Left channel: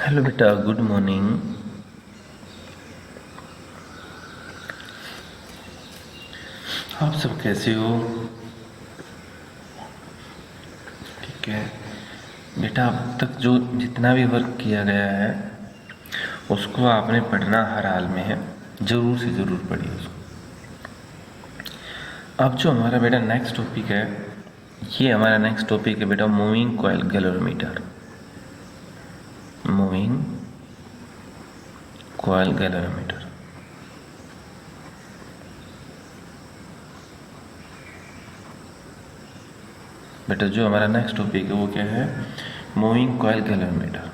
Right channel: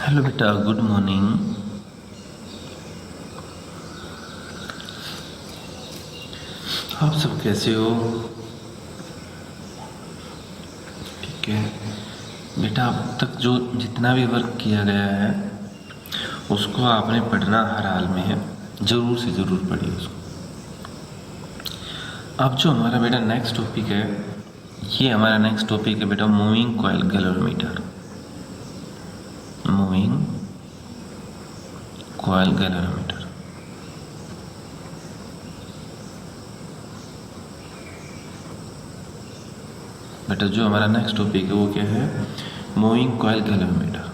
Hello बेटा, good morning. आप सब कैसे हो? ठीक है बेटा, अब तक जो जितना भी वर्क किया गया है उसको आपने पढ़ना हर हाल में है, ज़रूर से ज़रूर पढ़िए उसको। अब जो हमारा बेटा नेक्स्ट टॉपिक है, ये हमारा नेक्स्ट टॉपिक है बेटा moving coil galvanometer. Moving coil galvanometer. बेटा जो हमारा नेक्स्ट टॉपिक है वो क्या है? मूविंग कॉइल गैलोरीमीटर,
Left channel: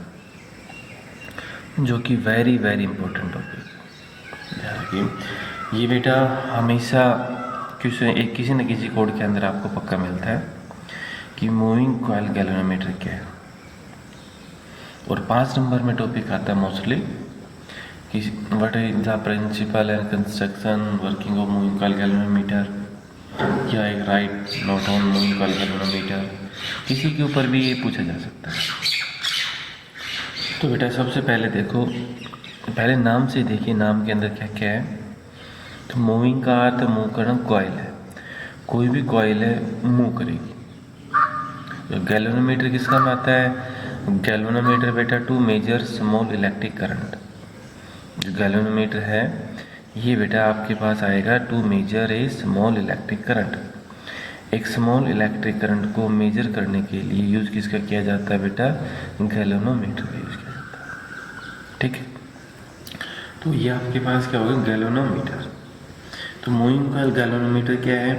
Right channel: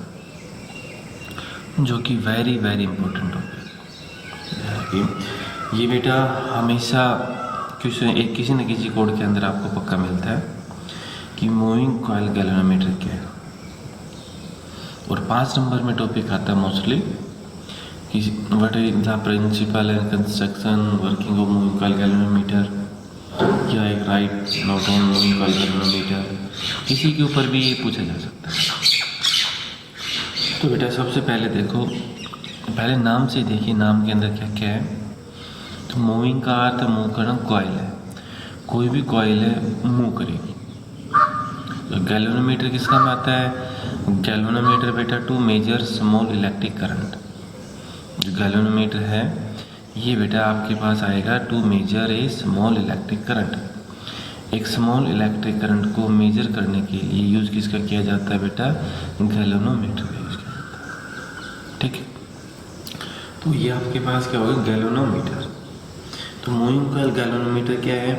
जो कि वेरी वेरी इंपॉर्टेंट टॉपिक है। ये बेटा हमेशा किसी न किसी कोड के अंदर आपको पक्का मिलता है कि मूविंग कॉइल गैलोरीमीटर क्या है। और 5 नंबर में टॉपिक आता है मोस्टली कि what is the principle and construction working of moving coil galvanometer, क्या एक write note on moving coil galvanometer, इसी के ऊपर भी ये पूछा जा सकता है। तो बेटा सबसे पहले देखो, पहले नाम से देखिए, नाम के अंदर क्या क्या है। तो मूविंग का अर्थ मूव करना, कॉइल है, कोई भी कॉइल है मूव करेगी। तो गैल्वेनोमीटर किस काम आता है? गैल्वेनोमीटर बेटा to measure small electric current. जो गैल्वेनोमीटर है ये बेटा आपके पास आएगा to measure a small electric current. एक स्मॉल इलेक्ट्रिक करंट को मेजर करने के लिए यूज किसका किया जाता है बेटा? गैल्वेनोमीटर का यूज किया जाता है। ठीक है, तो ये आपके पास क्या होगा? गैल्वेनोमीटर। तो मूविंग कॉइल गैल्वेनोमीटर क्या है?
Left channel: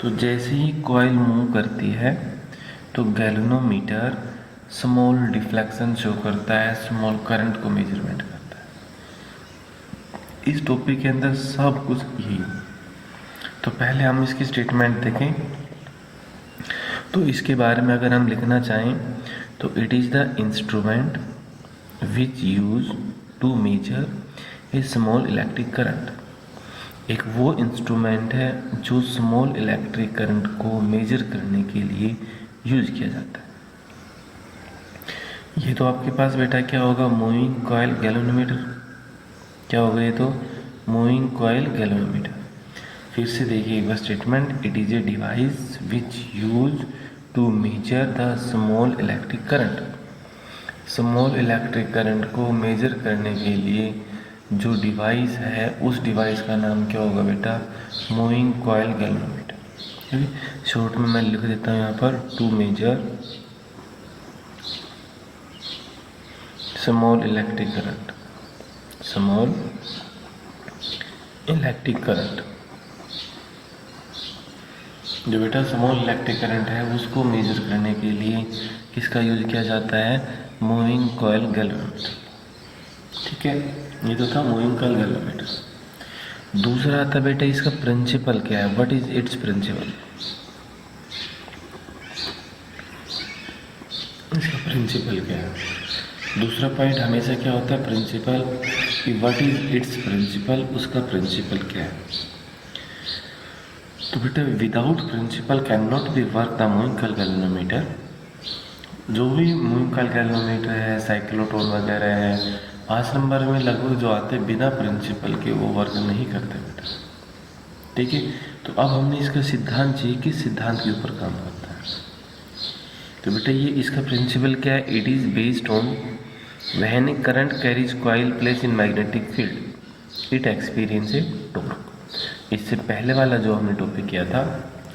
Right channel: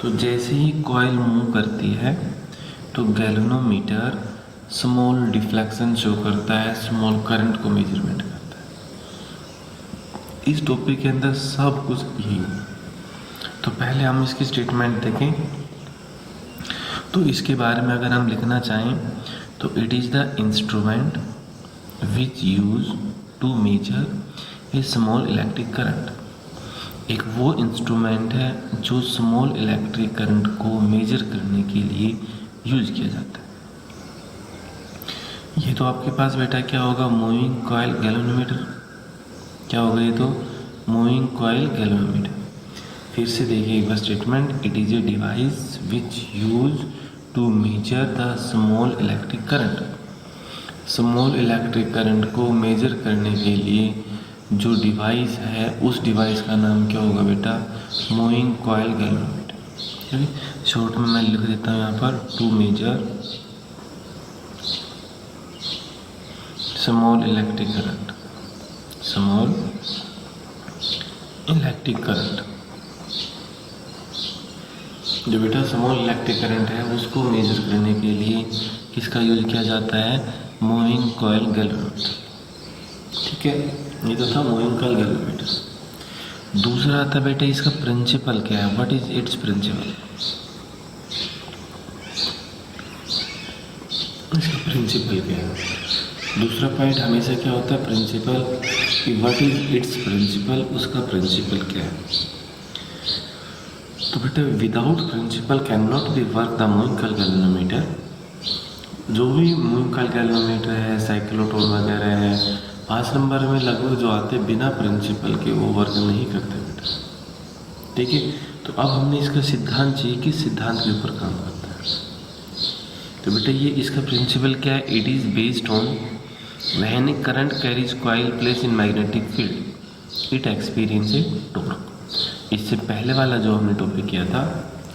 तो जैसे ही कॉइल मूव करती है तो गैल्वेनोमीटर स्मॉल डिफ्लेक्शन शो करता है, स्मॉल करंट को मेजरमेंट करता है। इस टॉपिक के अंदर सब कुछ यही है। तो पहले हम इसकी स्टेटमेंट देखें। तो इसके बारे में अगर हम लिखना चाहें तो it is the instrument which use to measure a small electric current. एक वो इंस्ट्रूमेंट है जो स्मॉल इलेक्ट्रिक करंट को मेजर करने के लिए यूज किया जाता है। ये तो आपके पास बेटा क्या होगा? Moving coil galvanometer. क्या होगा ये? तो मूविंग कॉइल गैल्वेनोमीटर। फिर से देखिए एक बार statement, it is a device which use to measure the small electric current. Small electric current को मेजर करने के लिए जो डिवाइस है उस डिवाइस का नाम क्या होगा बेटा? Moving coil galvanometer. शॉर्ट में मैं लिख देता हूँ यहाँ पर, to measure small electric current. Small electric current, जो बेटा स्मॉल इलेक्ट्रिक करंट है उसको मेजर करने के लिए किसका यूज किया जाता है? Moving coil galvanometer. ठीक है, ये तो था मूविंग कॉइल गैल्वेनोमीटर। दूसरा आता बेटा इसका प्रिंसिपल क्या है? What is its principle? इसका प्रिंसिपल क्या है? दूसरा पॉइंट हमेशा क्या होता है? प्रिंसिपल, कि व्हाट इज इट्स प्रिंसिपल, उसका प्रिंसिपल क्या है। तो बेटा without principle can not be work the moving coil galvanometer. जो भी मूविंग कॉइल गैल्वेनोमीटर है, साइक्लोट्रॉन वगैरह है, 5 नंबर में लगभग जो आते बिना प्रिंसिपल के वो वर्क नहीं करते बेटा। ठीक है, तो अब हमने इसका सिद्धांत चाहिए, किस सिद्धांत के ऊपर काम करता है। तो बेटा ये इसका प्रिंसिपल क्या है? It is based on when a current carries coil place in magnetic field it experience a torque. इससे पहले वाला जो हमने टॉपिक किया था,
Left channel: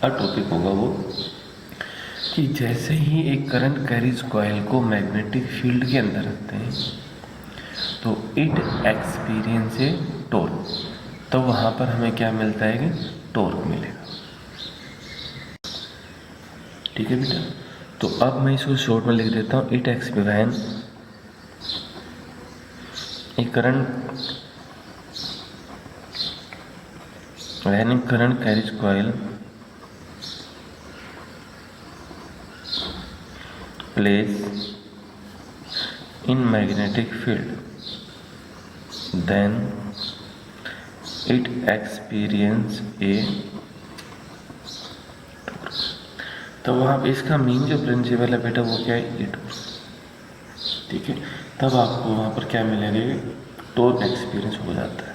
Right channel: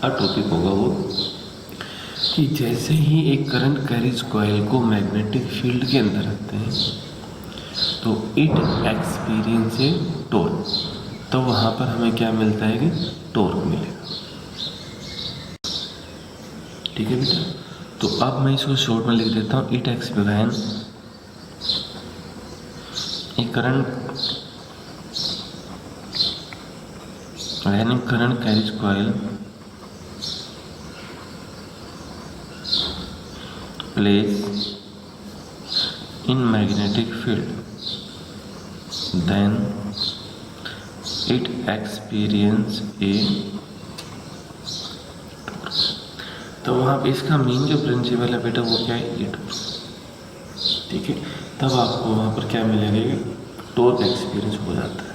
अब टॉपिक होगा वो कि जैसे ही एक करंट कैरीज कॉइल को मैग्नेटिक फील्ड के अंदर रखते हैं तो इट एक्सपीरियंस ए टॉर्क। तो वहाँ पर हमें क्या मिलता है? कि टॉर्क मिलेगा। ठीक है बेटा, तो अब मैं इसको शॉर्ट में लिख देता हूँ, it experience A current when a current carries coil place in magnetic field, then it experience a torque। तो वहाँ पे इसका मेन जो प्रिंसिपल है बेटा वो क्या है? ये टॉर्क। ठीक है, तब आपको वहाँ पर क्या मिलेगा, टॉर्क एक्सपीरियंस हो जाता है।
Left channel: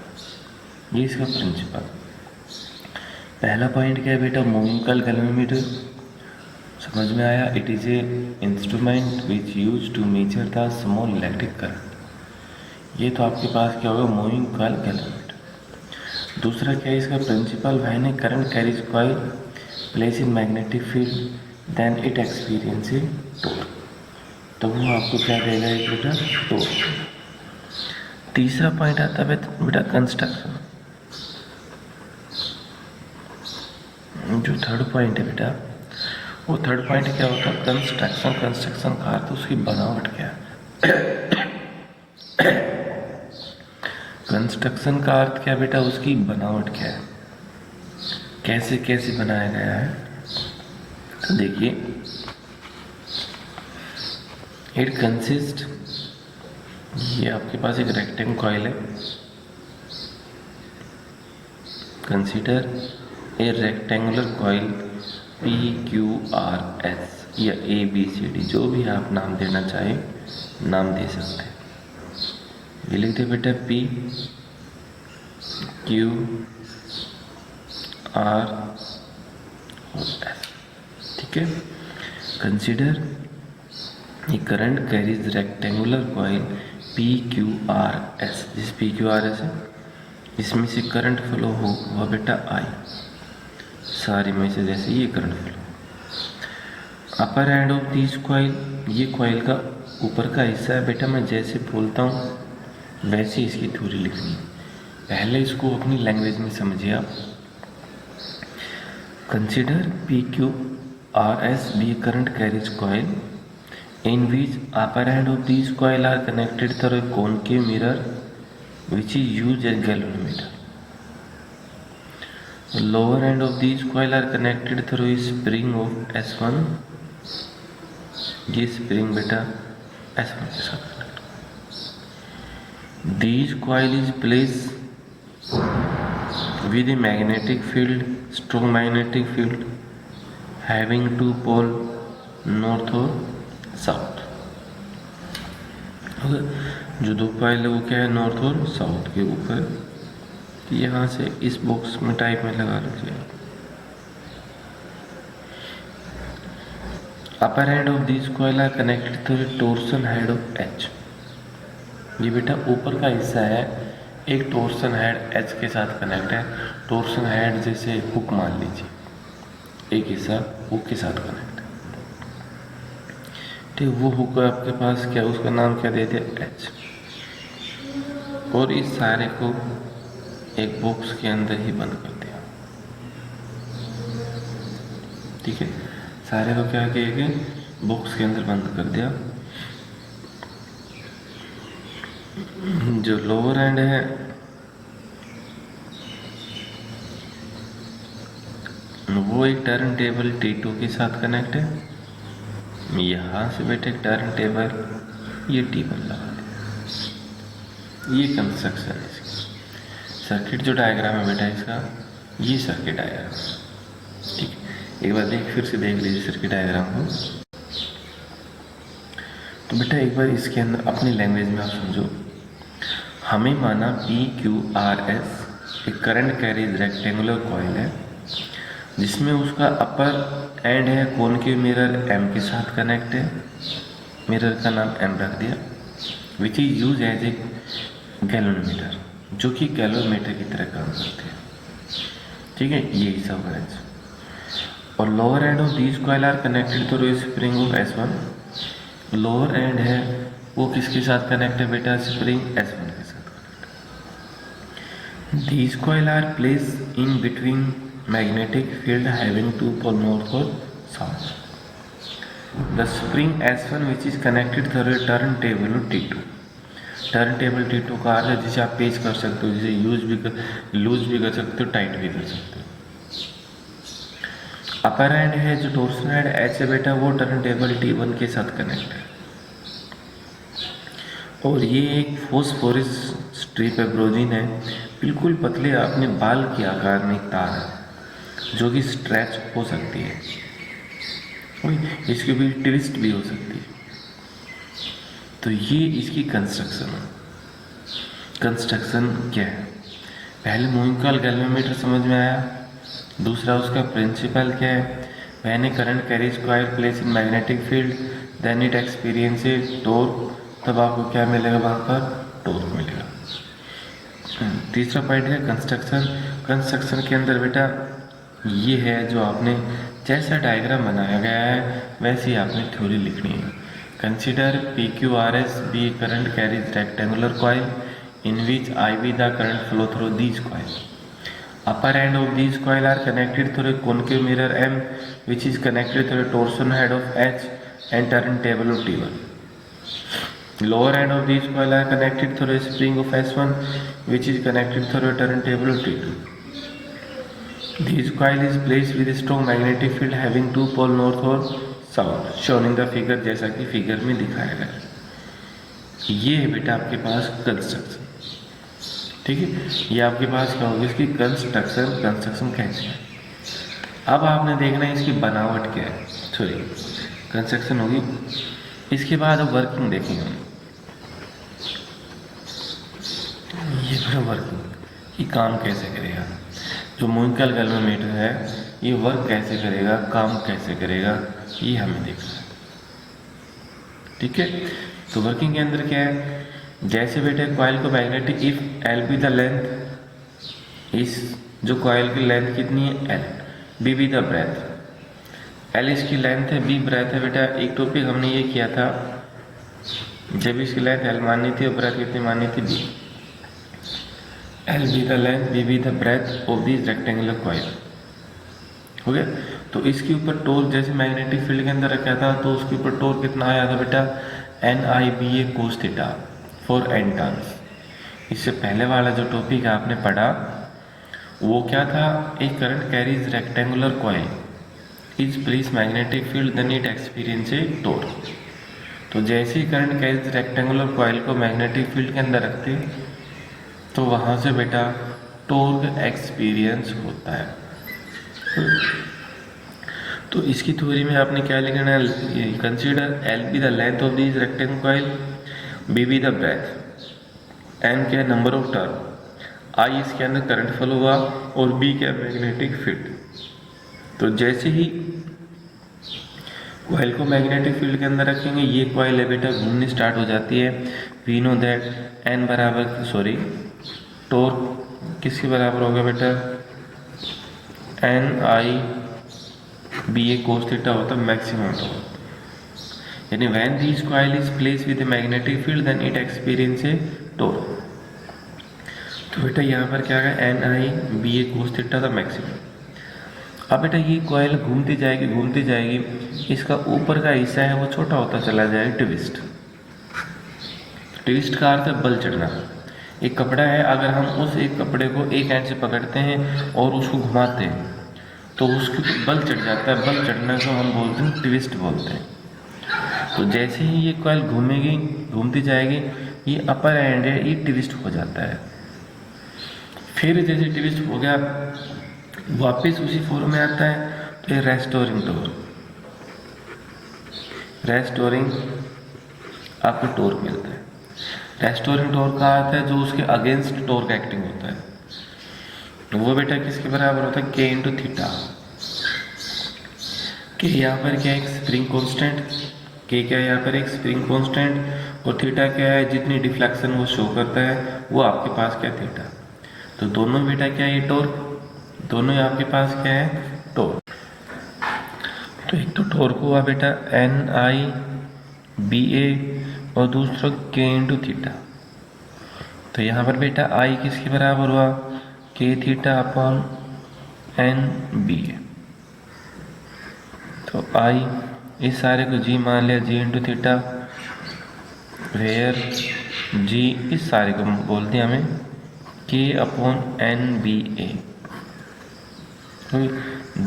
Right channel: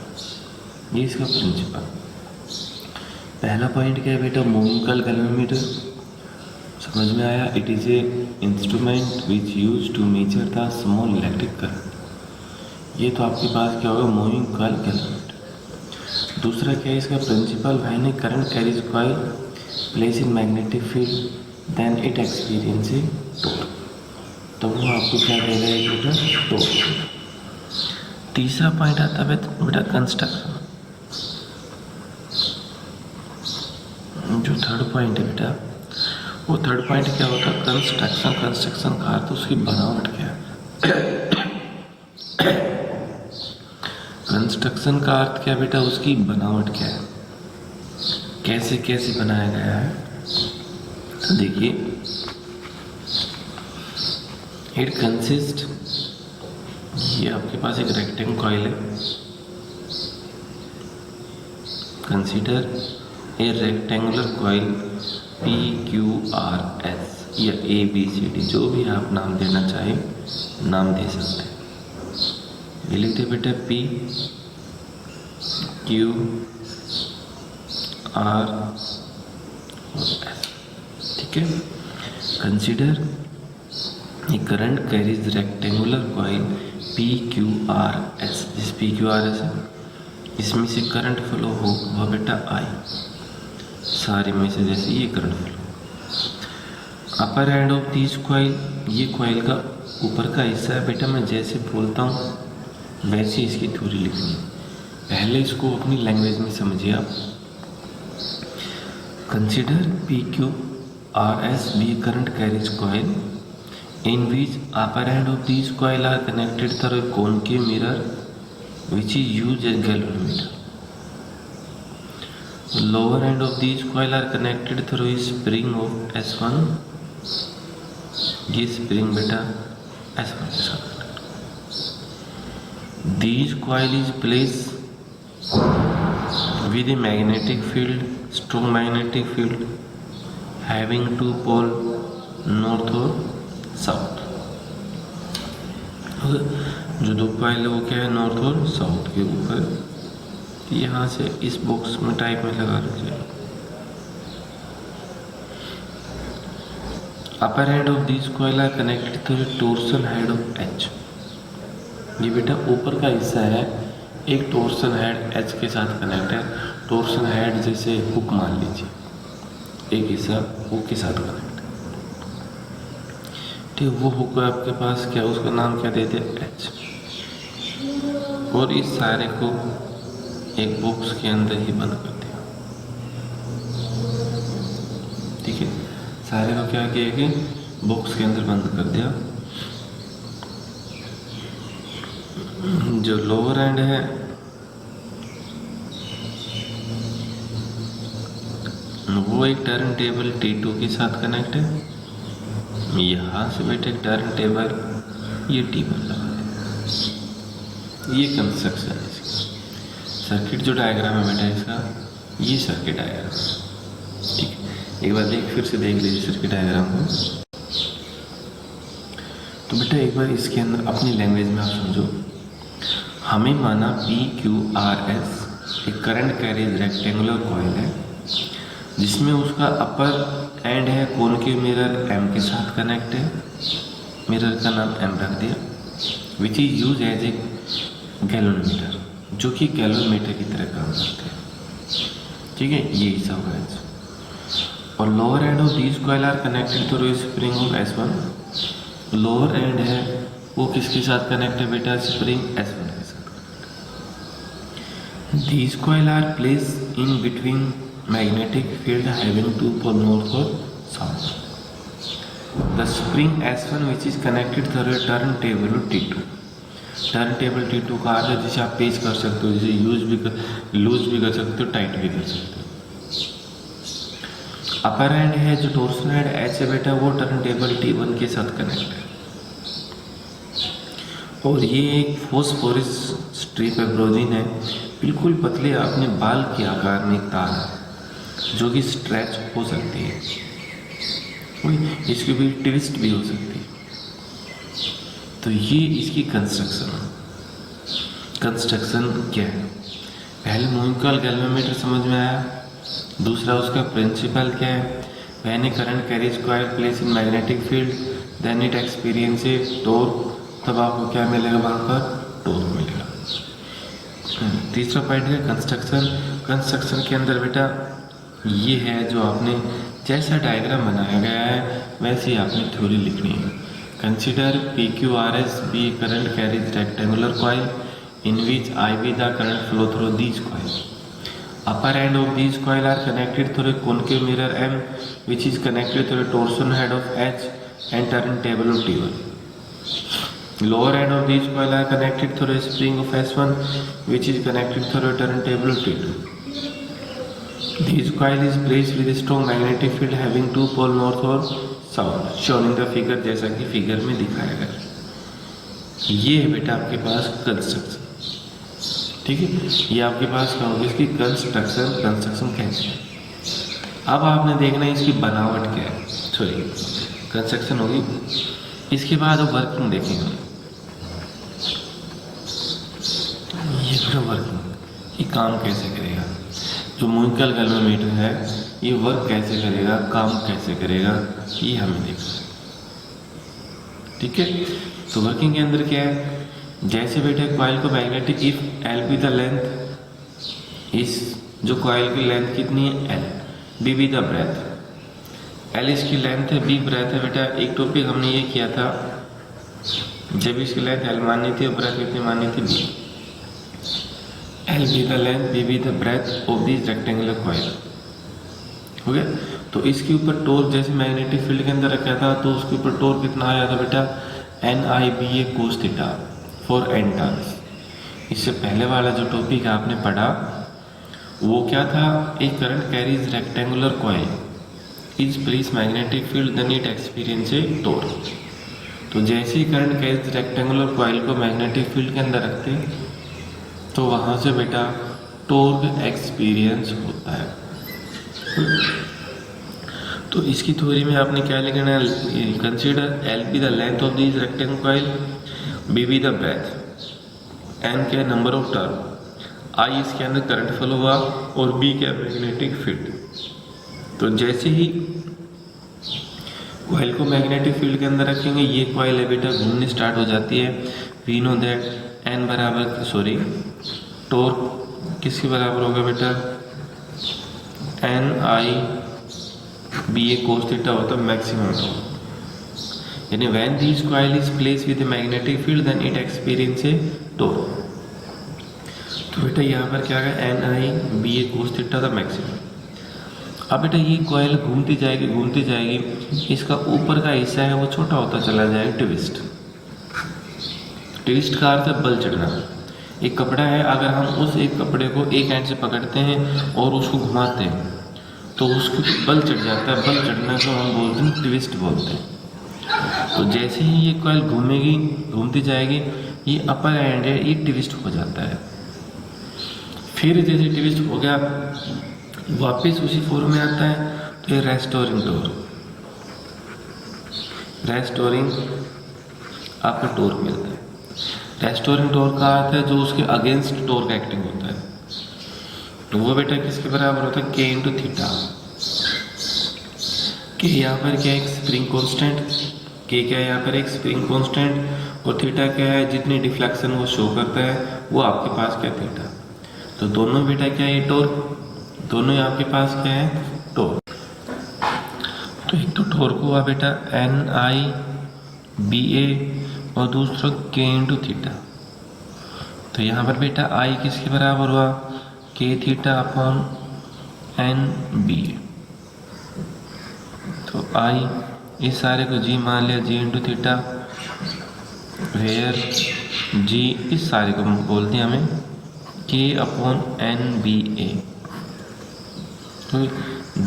ये इसका प्रिंसिपल। पहला पॉइंट क्या है बेटा, मूविंग कॉइल गैल्वेनोमीटर, समझ में आया। It is a instrument which use to measure the small electric current. ये तो आपके पास क्या होगा, मूविंग कॉइल गैल्वेनोमीटर। दूसरा क्या है इसका principle, when a current carries coil place in magnetic field then it experience a torque. तो वो आपको क्या देगा एक बेटा, टॉर्क। तीसरा पॉइंट आता है बेटा कंस्ट्रक्शन। जो थर्ड पॉइंट है बेटा, वो थर्ड पॉइंट क्या होता है, कंस्ट्रक्शन। कंस्ट्रक्शन का अर्थ उसकी बनावट क्या है। कंस्ट्रक्शन का अर्थ क्या बेटा, उसकी बनावट क्या है, कैसे कैसे बनाया गया है। तो देखिए, इट कंसिस्ट, ये आपके पास एक रेक्टेंगल कॉइल है। Consider a rectangular coil PQRS या ABCD, जो भी आप नाम देना चाहें नाम दे सकते हैं। ये लिखते बेटा PQRS, ठीक है। Consider a current carries rectangular coil PQRS। जिस PQRS है इसमें से करंट फ्लो हो बेटा I, सारे में से जैसे ये current flow. Upper end of this coil, ये कॉइल का ऊपर का हिस्सा है बेटा। मैं जैसे बोलता हूँ वैसे इसकी थ्योरी लिखनी है। पहले इसको अपनी लैंग्वेज में समझिए आप। Consider PQRS be current carries coil in which upper end of these coil are connected through a concave mirror which is used as galvanometer. The lower end of these coil are connected through a spring of S1. ये spring बेटा S1 के साथ connected। These coil is placed with a magnetic field, strong magnetic field having two pole, north और south. जो दो coil है वो क्या है, नॉर्थ और साउथ के ऊपर। यहाँ से इस बॉक्स में टाइप में लगा रखिए। Upper head of this coil are connected to the torsion head of H। ये बेटा ऊपर का हिस्सा है, एक टॉर्सन हेड H के साथ कनेक्ट है। टॉर्सन हेड जैसे हुक मान लीजिए, एक हिस्सा हुक के साथ कनेक्ट। वो हुक आपके पास क्या, उसका नाम क्या दे दिया, H। और इस सारे को एक बॉक्स के अंदर ही बंद कर दिया, ठीक है। सारे को क्या किया कि बॉक्स के अंदर बंद कर दिया। जो लोअर एंड है वो एक टर्न टेबल T2 के साथ कनेक्ट है। यहाँ से बेटे टर्न टेबल ये टेबल लगा दिया। ये कंस्ट्रक्शन है इसकी। सर्किट जो डायग्राम है बेटा इसका, ये सर्किट डायग्राम, ठीक है। एक बार फिर से देख लीजिए सर्किट डायग्राम को। तो बेटा एक बार इसके अंदर अपनी लैंग्वेज में आप समझो। हमें माना PQRS एक करंट कैरीज रेक्टेंगुलर कॉइल है जिसमें उसका अपर एंड है कॉनकेव मिरर M के साथ कनेक्ट है। मिरर का नाम M रख दिया। Which is use as a galvanometer, जो कि गैल्वेनोमीटर की तरह काम करते हैं, ठीक है। ये हिस्सा होगा H। और lower end of these coil are connected through spring of S1। Lower end है वो किसके साथ कनेक्ट है बेटा, स्प्रिंग S1 के साथ। These coil are place in between magnetic field having two pole, north or south. The spring S1 which is connected through a turntable T2। Turntable T2 का अर्थ है जिसे आप पेच कर सकते हो, जिसे लूज भी कर सकते हो, टाइट भी कर सकते हो। अपर एंड है जो टॉर्सन हेड H है बेटा, वो टर्नटेबल T1 के साथ कनेक्ट है। और ये एक फॉस्फोरस स्ट्रिप है, ब्रोजीन है, बिल्कुल पतले अपने बाल के आकार में तार है जो कि स्ट्रेच हो सकती है, इसकी भी ट्विस्ट भी हो सकती है। तो ये इसकी कंस्ट्रक्शन क्या है? पहले मूविंग कॉइल गैल्वेनोमीटर समझ में आया। दूसरा उसका प्रिंसिपल क्या है? When a current carries coil place in magnetic field then it experiences torque, तब आपको क्या मिलेगा? वहाँ पर टॉर्क मिलेगा। तीसरा पॉइंट है कंस्ट्रक्शन के अंदर बेटा ये है जो आपने जैसा डायग्राम बनाया गया है वैसे ही आपने थ्योरी लिखनी है। Consider PQRS be current carries rectangular coil in which IV the current flow through these coils. Upper end of these coil are connected through a concave mirror M which is connected through a torsion head of H and turntable of T1. Lower end of these coil are connected through a spring of S1 which is connected through a turntable of T2. This coil is placed with a strong magnetic field having two pole north or south shown in the figure, जैसा कि figure में दिखाया गया। ये है बेटा आपके पास construction, ठीक है। ये आपके पास क्या होगी? इसकी कंस्ट्रक्शन कैसे है। अब आपने देखना है इसकी बनावट क्या है। सॉरी, कंस्ट्रक्शन होगी, इसके बाद वर्किंग देखेंगे। ये फिर वर्किंग, ये काम कैसे करेगा। जो मूविंग कॉइल गैल्वेनोमीटर है ये वर्क कैसे करेगा, काम कैसे करेगा, ये हमें देखना है, ठीक है। तो वर्किंग के अंदर क्या है? जैसे बेटा कॉइल को magnetic, if L be the length, इस जो कॉइल की लेंथ कितनी है? L, B be the breadth. L इसकी लेंथ है, B ब्रेथ है। बेटा एक टॉपिक हमने ये किया था, जब इसकी लेंथ L माननी थी और ब्रेथ कितनी माननी थी? B। L be the length, B be the breadth of this rectangular coil, हो गया। तो इसके ऊपर टॉर्क जैसे मैग्नेटिक फील्ड के अंदर रखा था तो उसके ऊपर टॉर्क कितना आया था बेटा? NIBA cos theta for n turns. इससे पहले वाला जो टॉपिक आपने पढ़ा वो क्या था? एक current carries rectangular coil is place magnetic field then it experience a torque. तो जैसे ही करंट कैरीज रेक्टेंगुलर कॉइल को मैग्नेटिक फील्ड के अंदर रखते तो वहाँ से बेटा टॉर्क एक्सपीरियंस होता है। तो इसकी थ्योरी में आपने क्या लिखना है? Consider L be the length of this rectangular coil, B be the breadth, N क्या नंबर ऑफ टर्न, I इसके अंदर करंट फ्लो हुआ और B क्या मैग्नेटिक फील्ड। तो जैसे ही कॉइल को मैग्नेटिक फील्ड के अंदर रखेंगे ये कॉइल है बेटा घूमनी स्टार्ट हो जाती है। वी नो दैट N बराबर, सॉरी, टॉर्क किसके बराबर होगा बेटा? NIBA cos थीटा होता है मैक्सिमम टॉर्क। यानी when this coil is place with magnetic field then it experience a torque. तो बेटा यहाँ पर क्या है? NIBA cos theta the maximum. अब बेटा ये कॉइल घूमती जाएगी, इसका ऊपर का हिस्सा है वो छोटा होता चला जाएगा। ट्विस्ट का अर्थ है बल चढ़ना। एक कपड़ा है, अगर हम उस एक कपड़े को एक एंड से पकड़ते हैं और उसको घुमाते हैं तो उसके बल चढ़ जाता है। बल चढ़ने को हम बोलते हैं ट्विस्ट बोलते हैं। तो जैसे ही ये कॉइल घूमती जाएगी, ये अपर एंड है ये ट्विस्ट हो जाता है। फिर जैसे ट्विस्ट हो गया वापस उसी फॉर्म में आता है तो ये रेस्टोरिंग आपको टॉर्क मिलता है। रेस्टोरिंग टॉर्क का अर्थ है जो उसके अगेंस्ट टॉर्क एक्टिंग होता है। तो वो बेटा किसके बराबर होता है? K into theta. K यहाँ पर क्या है? एक स्प्रिंग कांस्टेंट। K क्या है यहाँ पर? एक स्प्रिंग कांस्टेंट। और थीटा क्या है? जितनी डिफ्लेक्शन वो शो करता है वो आपके पास क्या है? थीटा। तो दोनों बेटा क्या है? ये टॉर्क, दोनों आपके पास क्या है? टॉर्क। तो एक तो टॉर्क हुआ बेटा NIBA और दूसरा K इंटू थीटा। तो यहाँ पर बेटा I किसके बराबर हुआ? K theta upon NBA। तो I इस सारे को G मान लिया, G into theta, where G इस सारे को बोलते हैं हमें K अपॉन NBA।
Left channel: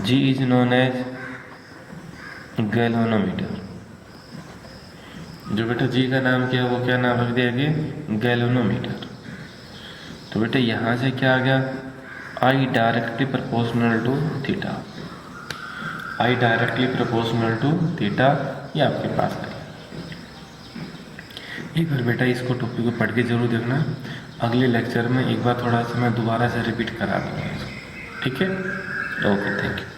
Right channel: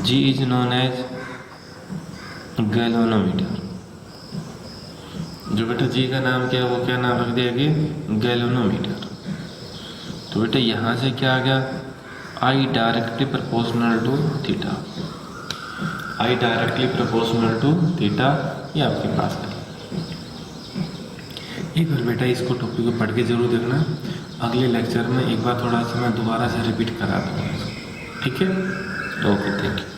G is known as galvanometer. जो बेटा जी का नाम क्या है वो क्या नाम रख दिया गया? गैल्वेनोमीटर। तो बेटा यहाँ से क्या आ गया? I directly proportional to theta. I directly proportional to theta ये आपके पास है। एक बार बेटा इसको टॉपिक को पढ़ के ज़रूर देखना। अगले लेक्चर में एक बार थोड़ा सा मैं दोबारा से रिपीट करा दूँगा इसको, ठीक है? Okay, thank you.